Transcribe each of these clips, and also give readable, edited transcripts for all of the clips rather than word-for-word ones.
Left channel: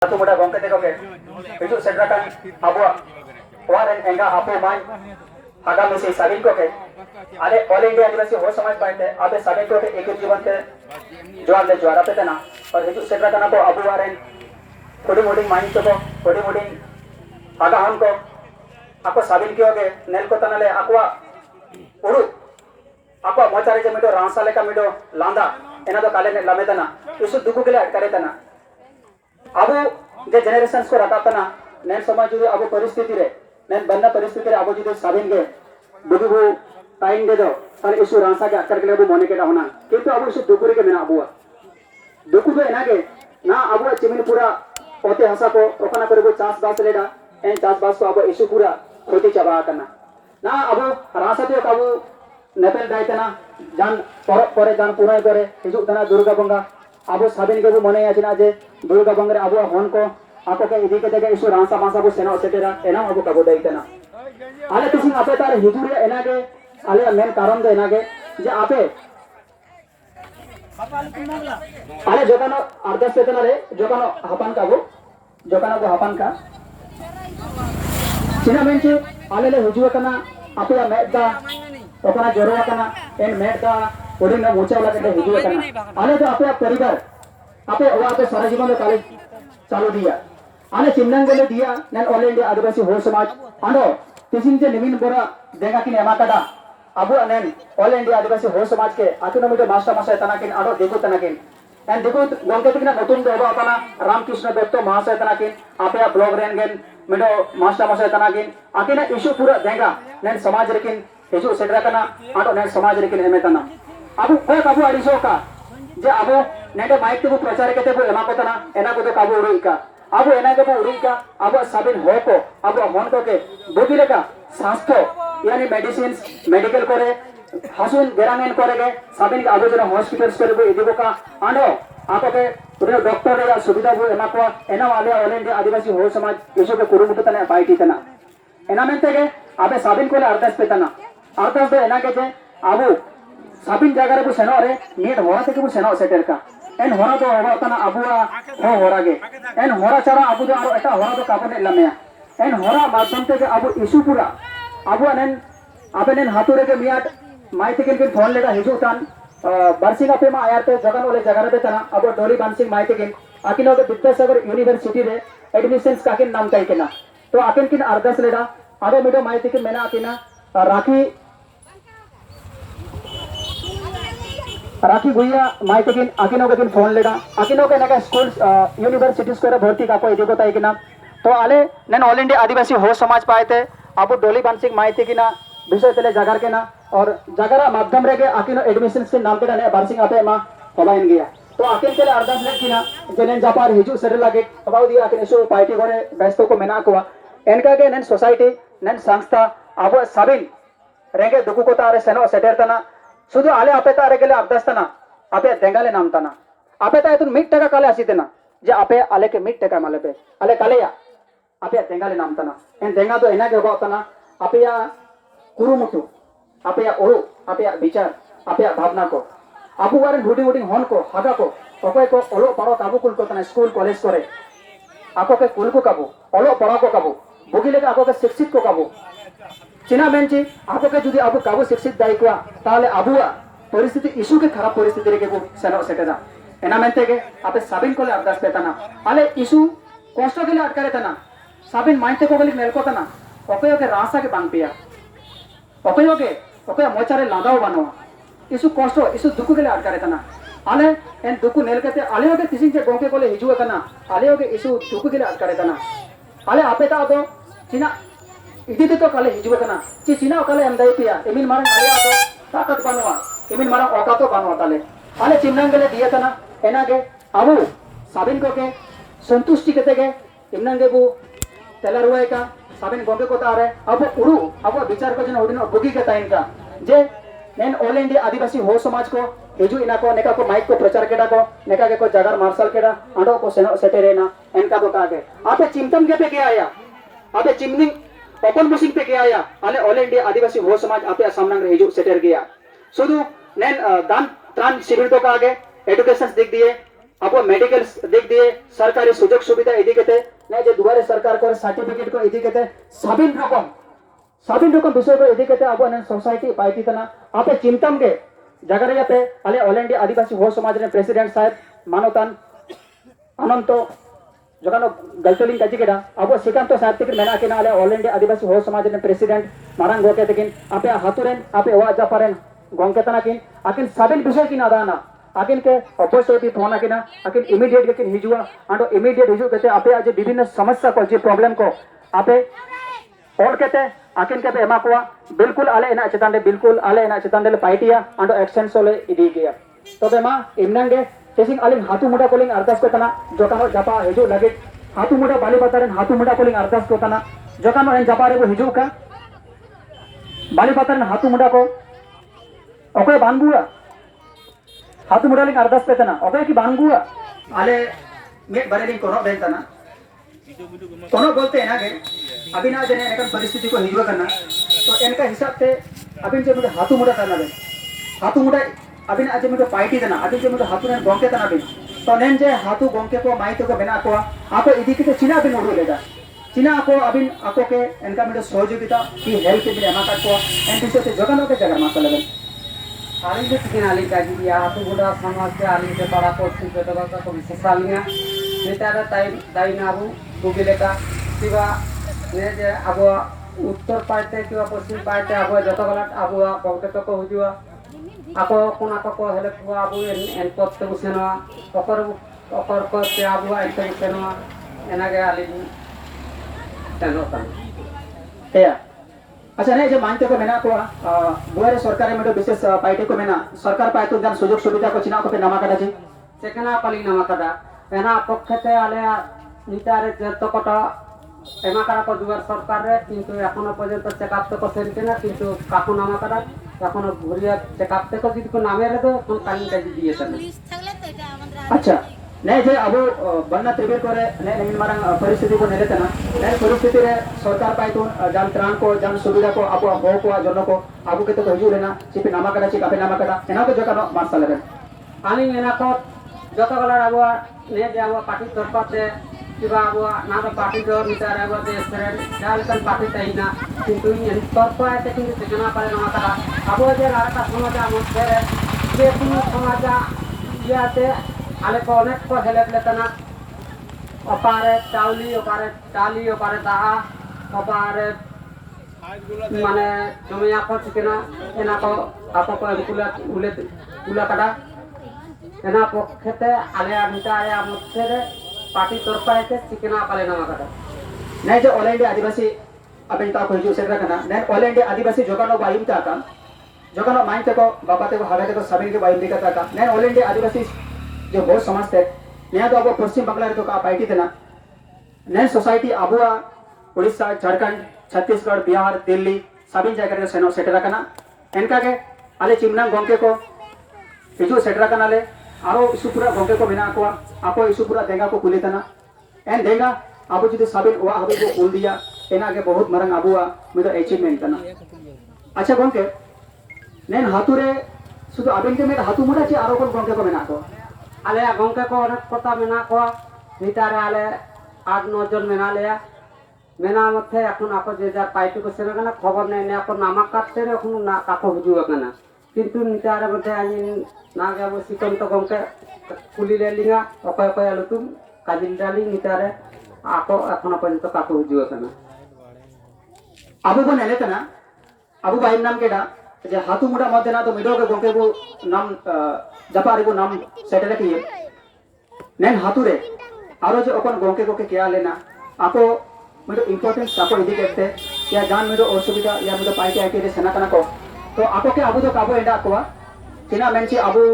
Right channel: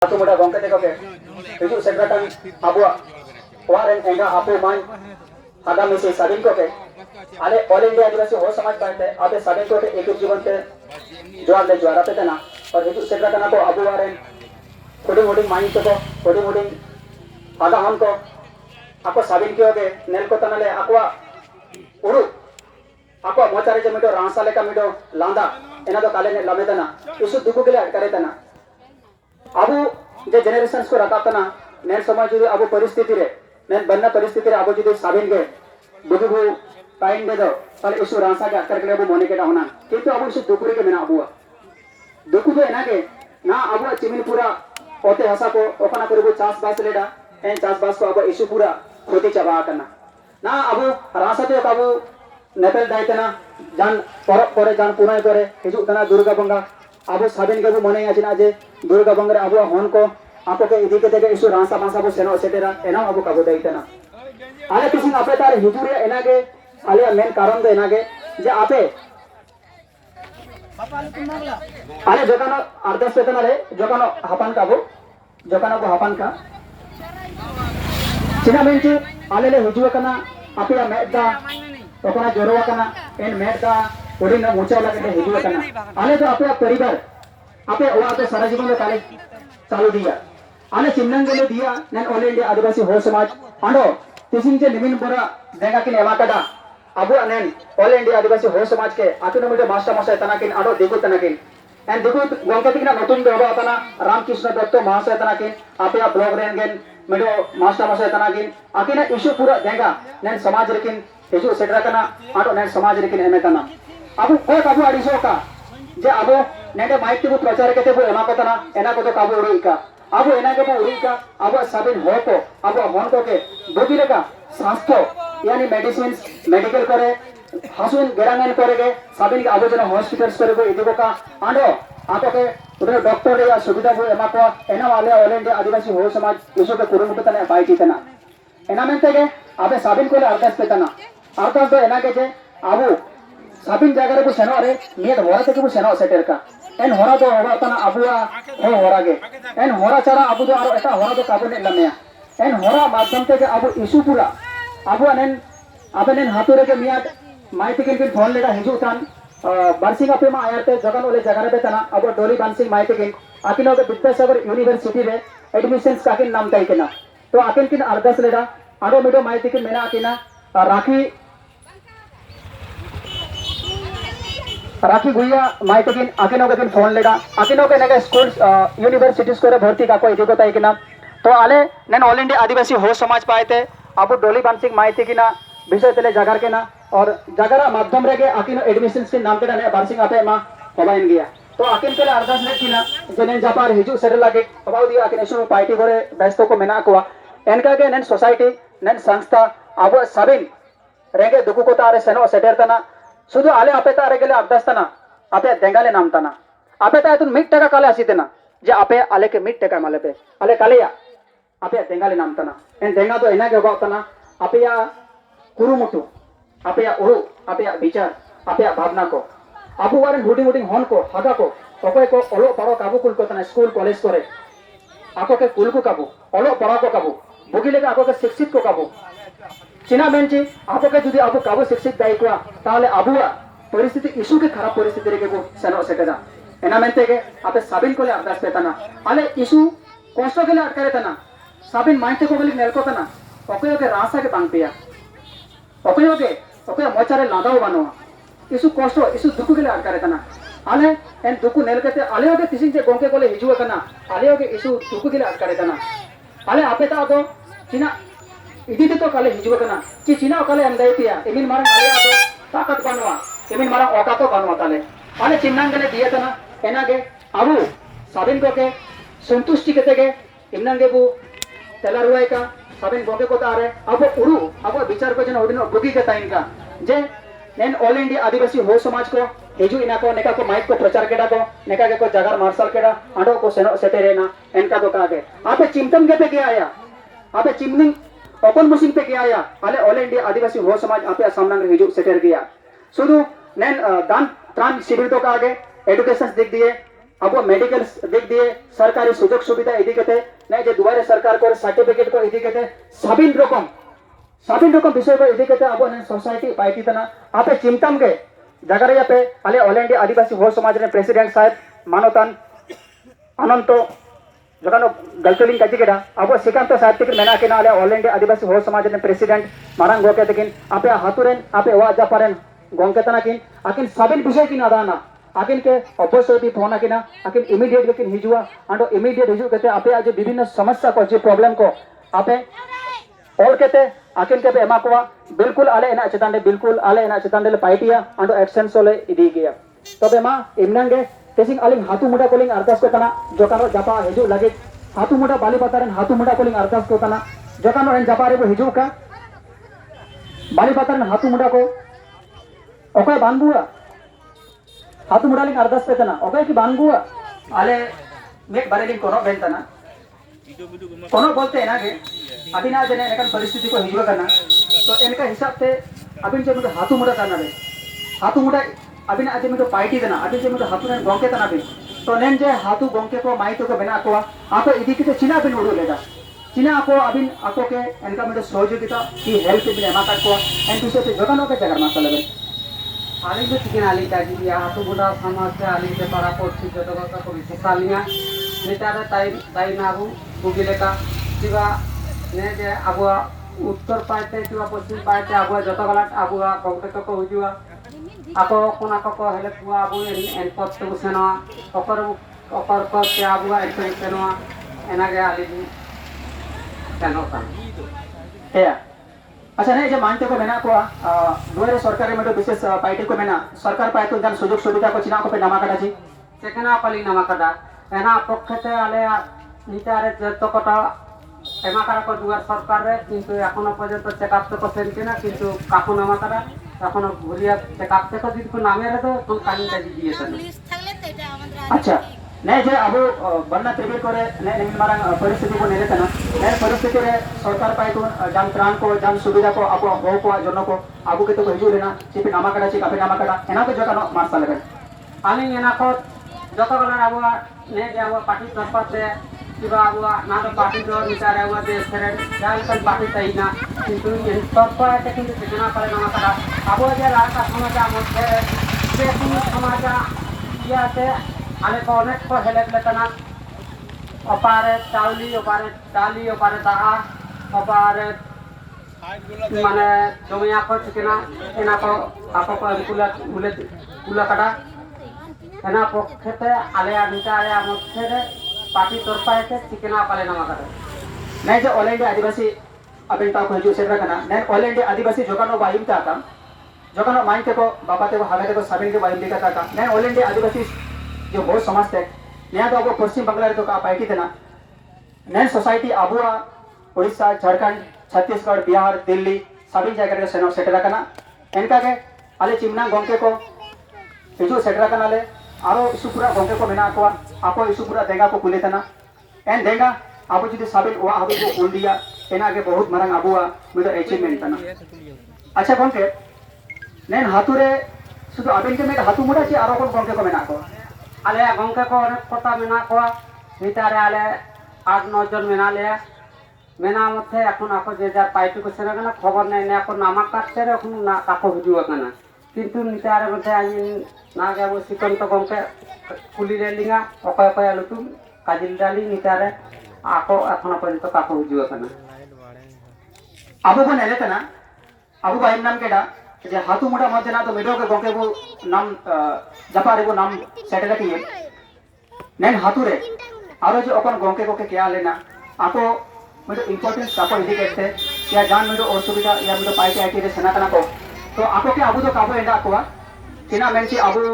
Satu muda gongke teko ke itu sedrakan abu waren enga apu main ada misi sabin ko ke ale all India आदिवासी हो समाज पाते आबे sabin ko ke एक जीवन ते जोर ले जोर आते तना और itu sedrakan abu abu waren कोडी मोडी माइन तो को कोडी मोडी आगा हम को ako sabin ki oge nel ko tanale akwa uru akwa mochare je mido ransale ka mido landa ena do kale ne lamedana isu duku gele kare tana अब जे generations को रकातना नेन समाज जो अब परिस्थिति रे नेन बन्ना परिस्थिति रे अब जो साबिन के दुगु टाइम दे दो और इशू रासा के अकर के अब मोने के होना किंतु अब इशू दुकुरी के बिना अबुआ दुकु दो एना के ना अब चिमिन पूरा पोते हसा को ओकना करे को चास बास लेडा एन चास बास को अब इशू पूरा खोती चबा करना ना अब रासा तो अब नेपेल दायतना जान परे जान पुराय करे हिजु तना दुर्गा बंगा अब साबिन के मोने आछिना जे दुर्गा बंगरे अब हन को आपो के इदी के देगे इशू रासा मासा को सेनो सेटेरा एना अब कागो दायतना आले तिसिंग आपे तार हिजुरे एना के आले मेन कारण दो एना के जे आपे आले जोकानो अर्धस वेतनाले जोकानो हापान काबो जोकानो को हापान का चिना मेंची आले ले हिजुवे कना आपे या मेदा ओकना जरोवा कना एन मेदा ओडिन मुचा लगे हिजुवे कना आले तो आपे परिवार आपे वो आपे सारा जीवन में काले चालू दिया आले चिन्नंगले दिया नेन ऑल इंडिया आदिवासी हो समाज अंडो तिसिंग जे निमिन बोरा देगा किन एमाकादा अबु नेन ऑल इंडिया आदिवासी हो समाज के आकिनो मिटे मास्टर मास्टर तनाकिन अंडो देखो तनाकिन एन देखो गंके तिकना नतुन दो अपना रामकृष्ण दत्त महाशय तनाकिन आपे ब्लॉग रेनगेन मिडो मास्टर मास्टर तनाकिन आकिना इशू पूरा देगा नेन समाज रेकिन हिजु सेटरा कना अंडो नेन समाज रेकिन एमेतना अबु कोई अबु अडिसो का जे अबो नेटे माइक ते प्रचार केते बो एमा कोतना एना को तो काबू उड़ीका अबो एना के बो उड़ीका अबो साबिन हो को अबो हन को के बोबिले का स्वास्थ्य यानी मेडिसिन्स मेडिकल करे हासुन गेरानेन करे के साबिन के अबो जन हॉस्पिटल्स करे बो इदिको का आंडो आपो के उदे डॉक्टर या सुविधा बो एमा को एना वाले ऑल इंडिया आदिवासी हो समाज इसो के कुरुमुट तने बाइटी तना एना मेनते के अबे साबिन को अर्धस पेतना अर्धस दो एना के जे अबो साबिन जगह को सेनो रे नेट होरा ते को सेनो सेटर का एन होरा तो होबा तना अबुआ हो होरा गे एन होरा चरा अबु दो आरो एटा होरा तो काबने लमेया एन होरा माध्यम ते अबु इशू पूरा अबु नेन अबेन हातुरे के मियाट माइती किन फोन लेदा हिजुतान बरसिंग अपे मा आयाते जगन ओले जगह रे तना अबु डोली बांसिंग माइती किन आकिनो के विद्यासागर यूनिवर्सिटी रे एडमिशंस काकिन नाम ताई केना तो आकिन किन अर्धस लेदा आरो मिडो माइती किन मेना आकिना राखी गुइया माइते किन आकिनो के फोन लेडा आकिनो के नेके स्कूल यूनिवर्सिटीज को भर्ती का कोई देखो ताई किना तो आले नेन ऑल इंडिया आदिवासी हो समाज पाएते अब डोली बांसिंग माइते किना विषय तेले जागर केना और जागरा माध्यम रे के आकिनो एडमिशन के नाम के ने बारसिंग आपे मा होबाइन गया तो आकिन के अर्धस ले किना जेनेन जापार हिजु सेरे लागे अबाउ दिया आकिन सो पार्टी करे व्यस्त को मेना को एनका के नेन सोसाइटी नेन संस्था अब साबिन रेगे दुकु को तारे सेनो सेटर तना शुद्ध आले आपे तारे गेले अर्धस्तना आपे देंगाले नाम तना आपे ता तुन मिट टका काले आसीतेना जे आपे आले के मिट टका माले पे आले कालेया आपे देंगाले नाम तना एन देंगा तो एना के तना आपे या कुरुमुटु आपे या ओरु आपे या विचार आपे या भावना को आपु वारे हुडी हुडी हन को हागा को ओके को ओलो पारो काबू कुल को तना स्कूल कॉलेज करे आको के कुल को काबू ओलो पड़ा को काबू बुगिले के आको के शिक्षित को काबू चिना मेंची आपो के जुदी आपो काबू शिक्षित दायित्वा ताले अबुआ परिस्थिति इशू के खराब परिस्थिति रे के को सेनो सेटेदा एना मेंते के आपे साबिन कोले अर्दास पेतना आले इशू कष्ट के ले अटकारे तना साबिन माइते को गली नेल को तना ओके ओके रासा के बांग पिया ओके मोचारे लादाव बनवा इशू कष्ट इशू दुकु के ले अटकारे तना आले एन दुकु नेल के आले ओके तिसिन जे गोंके कोले हिजुवा कना आले ओके इशू दुकु के ले अटकारे तना आले आपे ता दो चिना इदी तो काले हिजुवा कना ची चिना काले अंदाई पिया एमिन मारन आले आदो ताकत बनवा एमिन मारन ओका तो बनवा ताले आले चिन्नंगले दिया तना एनागे अबु साबिन को के संतुष्टि केते के इमनंगे बु तेलारुवाय का साबिन गोंगे को तारे अब उरु अब विचार को जन ओडिन बुगी के ताइन का जे नेन ऑल इंडिया आदिवासी हो समाज को हिजु इना को नेका को माइक को प्रचार केडा को नेका के को जगार मार्शल केडा आंडो को सेनो सेटेरेना एनका तो कागे आपे चिंतन केते के आया आपे चिमनिंग ओपन मुसिंग पे के आया आले ऑल इंडिया आदिवासी हो समाज आपे सामना हिजु सेटर गया शुद्ध नेन दान त्राण शिविर तो का आगे एडुकेशन दिख दिए अब मेडिकल दिख दिए सरकारी सुजोग सुविधा इदी केते नहीं जे दुआरे सरकार को सर्टिफिकेट को इदी केते सबिन रकम विषय को इदी केते अब सोसाइटी पाइती तना आपे चिंतम के जगह पे अले ऑल इंडिया आदिवासी हो समाज रे प्रेसिडेंट साहब मानवतान अनंत जगह गलतलिंग काजी केडा अब श्रीकांत साहब तक मेना केना अले ऑल इंडिया आदिवासी हो समाज रे प्रेसिडेंट मारांग गोके तकिन आपे हातुरेन आपे वा जापारेन गोंके तना किन आकिन सबिन विषय किन अदाना आकिन के अवश्य भी फोन आकिना आकिन इमीडिएट के किन हिजुआ आंडो इमीडिएट हिजु केते आपे आज विभिन्न समस्या को जे प्रॉब्लम को आपे और केते आकिन के पे एमा को बिल्कुल आले एना चेतान रे बिल्कुल आले एना चेतान रे पाइटिया आंडो एक्शन सोले इदी गया तबे मा इमनंगे टेसिंग आलिंग हातु मुडा कोलिंग अरदास को तना जोकानो जापा हिजु लगे हातु मुडा बाली बातारेन हातु मुडा कोलिंग अरदास को तना जोकानो एन जापा रे को हिजु का बाली बातारेन हातु मुडा को ओके बानबुआ हातु मुडालिंग अरदास पे तना ओके की बानबुआ आले मेक बारेलिंग कोनो बेंतना कोनो बोलते हैं ना के अभी ना जने एनकन परिस्थिति को हिजु करना तो इनका हिसाब से अभी जे मुझे हातु मुडा करना बे हातु मुडा अभी ना जे मुझे पाइटी देना अभी जे मुझे हातु ने गोंके तना बे तो नेन जे हातु गोंके को माइतो को बेना को आपो इदी के चिना बिन उडो लेगा चिना को अभी आपो के इनका मुझे सहयोगिता की हेल्प भी एमा काट को एन दिसो से जगनो के जगर मासा लगे आली के चिकन आली का जी या हातु मुडा समाज के आली के बड़ा पोस्ट जो तो का विशेष आलिया नेता दाई नाबू गुगिले का किवा ने जे अब उत्तर पाइते किवा पश्चिम पाइते अब जत गला अब गोंके को हुजुआ ako kuna ko hele kuwa abu en pot to seno okor ko ke abu en to seno enage ali seno kan ya अच्छा नहीं जो मानते को मेना को दुआरे सरकार में तो विशेष पार्टी को मेना सरकार पाए तो जन सुजोग सुविधा को चिना को पे नामा काटा जी सेकना पाली नामा काटा एना पक्षते आले नितारे जत कोटा एमा कारा को दुआर सरकार रे किंतु एखोनो पर्यंत चेकअप तो करছেন কিনা কিন্তু কাকু নামা কাটা এখনো ঘুরিয়া চেকআপ থেকে যদি को नामे रे तो कोन काइन का दिए तना अच्छा नहीं जे अब बन्ना त्रिबेर करे नहीं मारंग परिस्थिति को नेले तना नहीं परिस्थिति रे सरकार पाए तो जान त्राण को जान सुविधा को अब हो को जन को आबू के तो हिजु लेना चिपि नामा काटा छि कापे नामा काटा एना को जोकानो मारसा लेबे आनी एना को जत गला अब ने जे अब पार्टी तरफ से किबा अब ना तो पार्टी जो निचार अब देश फ्रेंड जाई कन पार्टी ताइना किंतु इन तरफ है कि सेकना पारे नामा काटा अब जे लड़का समाज मध्य जे कोनो समाज याते आले को अनेक को हेल्प लेतना अपारे चाउली अपारे डाली अपारे दाहा अपारे माने जमिया को चिकना एना को आपको को कुला काटा एना पक्षते आले निचारे मध्य रे पार्टी तरफा है चिकना पाले नामा काटा नहीं जो ऑल इंडिया आदिवासी अबिन ता को हिजु सेकरा कना नहीं ऑल इंडिया आदिवासी जोकानो बायुम ता का जोकानो माइते को बापाते को हागाते को सबिन के बायुम दिखता का नहीं ऑल इंडिया आदिवासी जो बहुत समाज थे नया तो अब पश्चिम बंगाल तो का पार्टी थे ना नए सोसाइटी आबुआ उड़ीसा झारखंड छत्तीसगढ़ बिहार दिल्ली सभी जगह सेनो सेटरा कना इनका के आले चिमना गोंके को हिजु सेटरा कना ले आरो इसुपुरा गोंके को मेना को आपो इसुपुरा देगा को कुले तना एन देगा आबो जुदी साबिन वा हाबी को कुल दिया एना के बहुत मरंग आबुआ में तो अचीवमेंट तना अच्छा गोंके नेन हातुरे सुदु आबिन के में हातु मुडा चे आरो कोन गोंके को मेना को आले गोंके को अनेक कोता मेना को नितारे आले 8-9 जन मेना ले मेना मथे এখন आपो जे जार पाइटी को सेना कना खबर नै ने को नामा काटते रे এখন ना काको हुजुआ कना किंतु नितारे मथे आइन ना गाबो सिकंत गोंके कुली ले लिंगा अकय अकय लुतुम काजिल डाली नितारे आको এখন पर्यंत काको हुजुआ कना आबो को नेले कना आबो बाइम नाम केडा जे हातु मुडा मध्य ना तो मिडो के गोंके वो नाम जपारे वो नाम सेटल किए नैन हातु रे आरो जो अपन गोंके को के क्या लेना आपको मिडो इंपोर्टेंस आपको इदी कहते या जान मिडो असुविधा या मिडो पाइटे आइटे रे सेना कना को तो आपको के आबो तो काबो एंडा को चिना मेनची आबो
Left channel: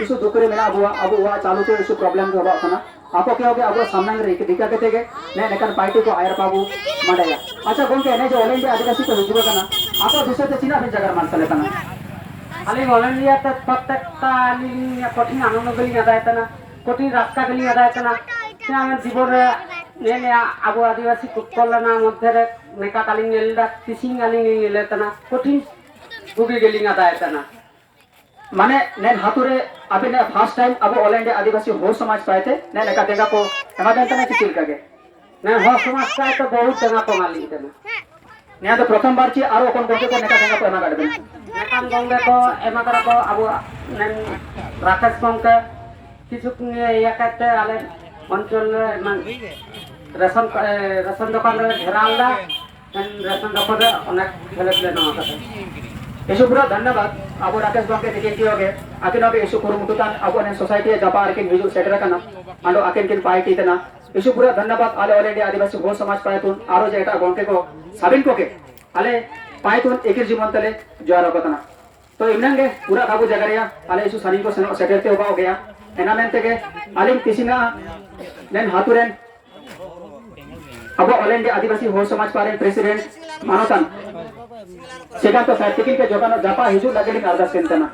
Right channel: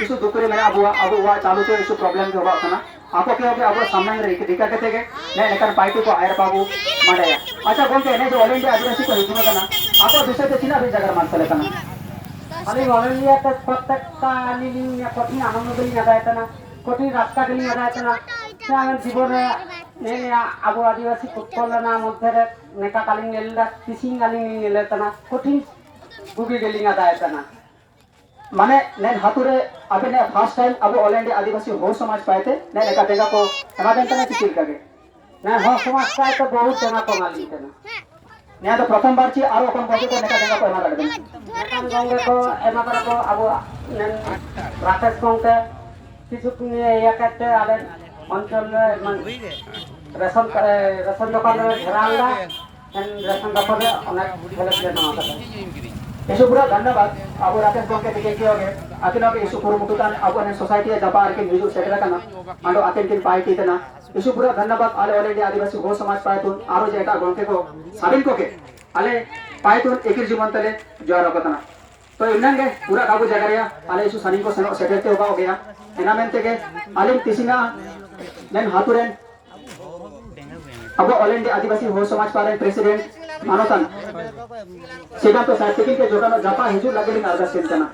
इशू दुकरे मेना आबो आबो वा चालू तो इशू प्रॉब्लम जो होगा ना आपको के होगे आबो सामने रे दिखा के तेगे ने नेकर पाइटे को आयर पाबो मडया अच्छा गोंके ने जो ऑल इंडिया आदिवासी को हिजुए कना आपको विषय ते चिना भी जगर मानसले कना आली ऑल इंडिया ते प्रत्येकता आली कठिन आनंद गली आदायतना कठिन रास्ता गली आदायतना से आम जीवन ने ने आबो आदिवासी कुकलना मध्य रे नेका कालिंग नेलदा टिसिंग आलिंग नेलेतना कठिन बुगी गली आदायतना माने नेन हातुरे अबे ने फर्स्ट टाइम अब ऑल इंडिया आदिवासी हो समाज पाए थे ने नका देगा को एमा बेन तने चिल कागे ना हो समाज काय तो बहुत जगह को माली थे ने तो प्रथम बार ची आरो कोन गोके को नका देगा को एमा गाडबे नेकान गंगे को एमा करा को अब नेन राकेश गंगे किछु निये या कहते आले अंचल मान रेशन दुकान रे घेरांदा रेशन दुकान रे अनेक हेल्प ले नवा कता इशु पूरा धन्यवाद अब राकेश गोके दिखे की होगे आकिन अब इशु कुरु मुटुतान अब ने सोसाइटी जापा आरकिन हिजु सेटरा कना आंडो आकिन किन पार्टी तना इशु पूरा धन्यवाद आले ऑल इंडिया आदिवासी हो समाज पाए तुन आरो जेटा गोके को साबिन को के आले पाए तुन एकिर जीवन तले जोरा कतना तो इमनंगे पूरा काबू जगरिया आले इशु सनी को सेटरते होगा हो गया एना मेनते के आलिम किसिना नेन हातुरेन अब ऑल इंडिया आदिवासी हो समाज पारे प्रेसिडेंट मानोतन सेगा तो साइटिकिन के जोगानो जापा हिजु लगेलिन अरदास केंतना